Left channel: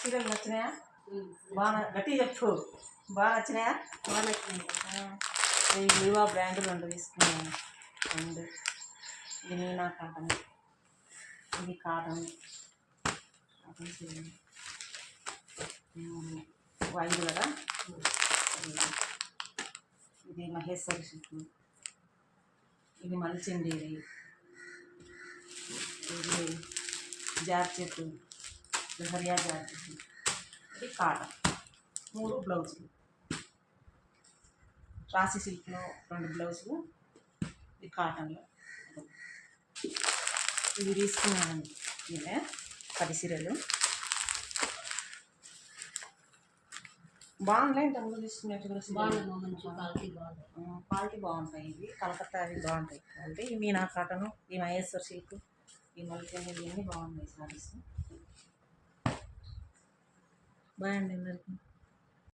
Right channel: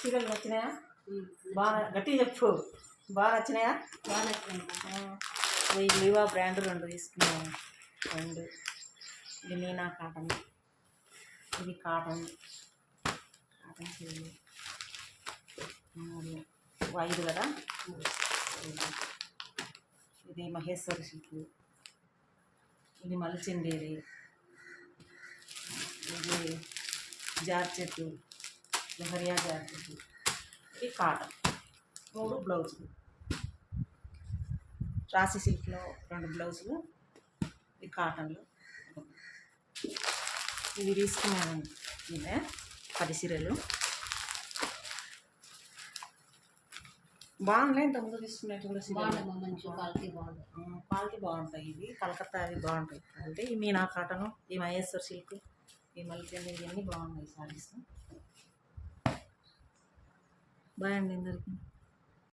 చీరలు నచ్చినాయా? బాగా గట్టిగా చెప్పు. బాగా నచ్చినాయా? బాగా నచ్చినాయి. ఈ లివా బ్రాండ్ 2 తీసుకున్నాను. 2 ఇది మీనా కాటన్, ఇది కాటన్ చీరలు 3 వైట్ కదా. ఇది మహేశ్వరి సిల్క్, ఇది మల్చిండేది, ఇది జార్జెట్ లహరియా జార్జెట్, ఇది కాటన్. 3 బ్లౌజులు, రాసి సిల్క్లో 2 బ్లౌజులు, ఇది కాటన్లో. ఇవి తీసుకున్నానండి. ఇవే 10 చీరలు బాగున్నాయి. ఇంతకుముందు తీసుకున్నట్టు కూడా బాగుందమ్మా, మంచి క్వాలిటీ బాగుంది. క్వాలిటీ బాగుంటాయి. ఇవి కలకత్తా అవి బాగుంటాయి క్వాలిటీ. ఈ మీనా కాటను, ఈ మహేశ్వర్ సిల్క్, ఈ మల్లికండి ఇవన్నీ బాగున్నాయి సారీస్. బాయ్ అండి అందరికీ.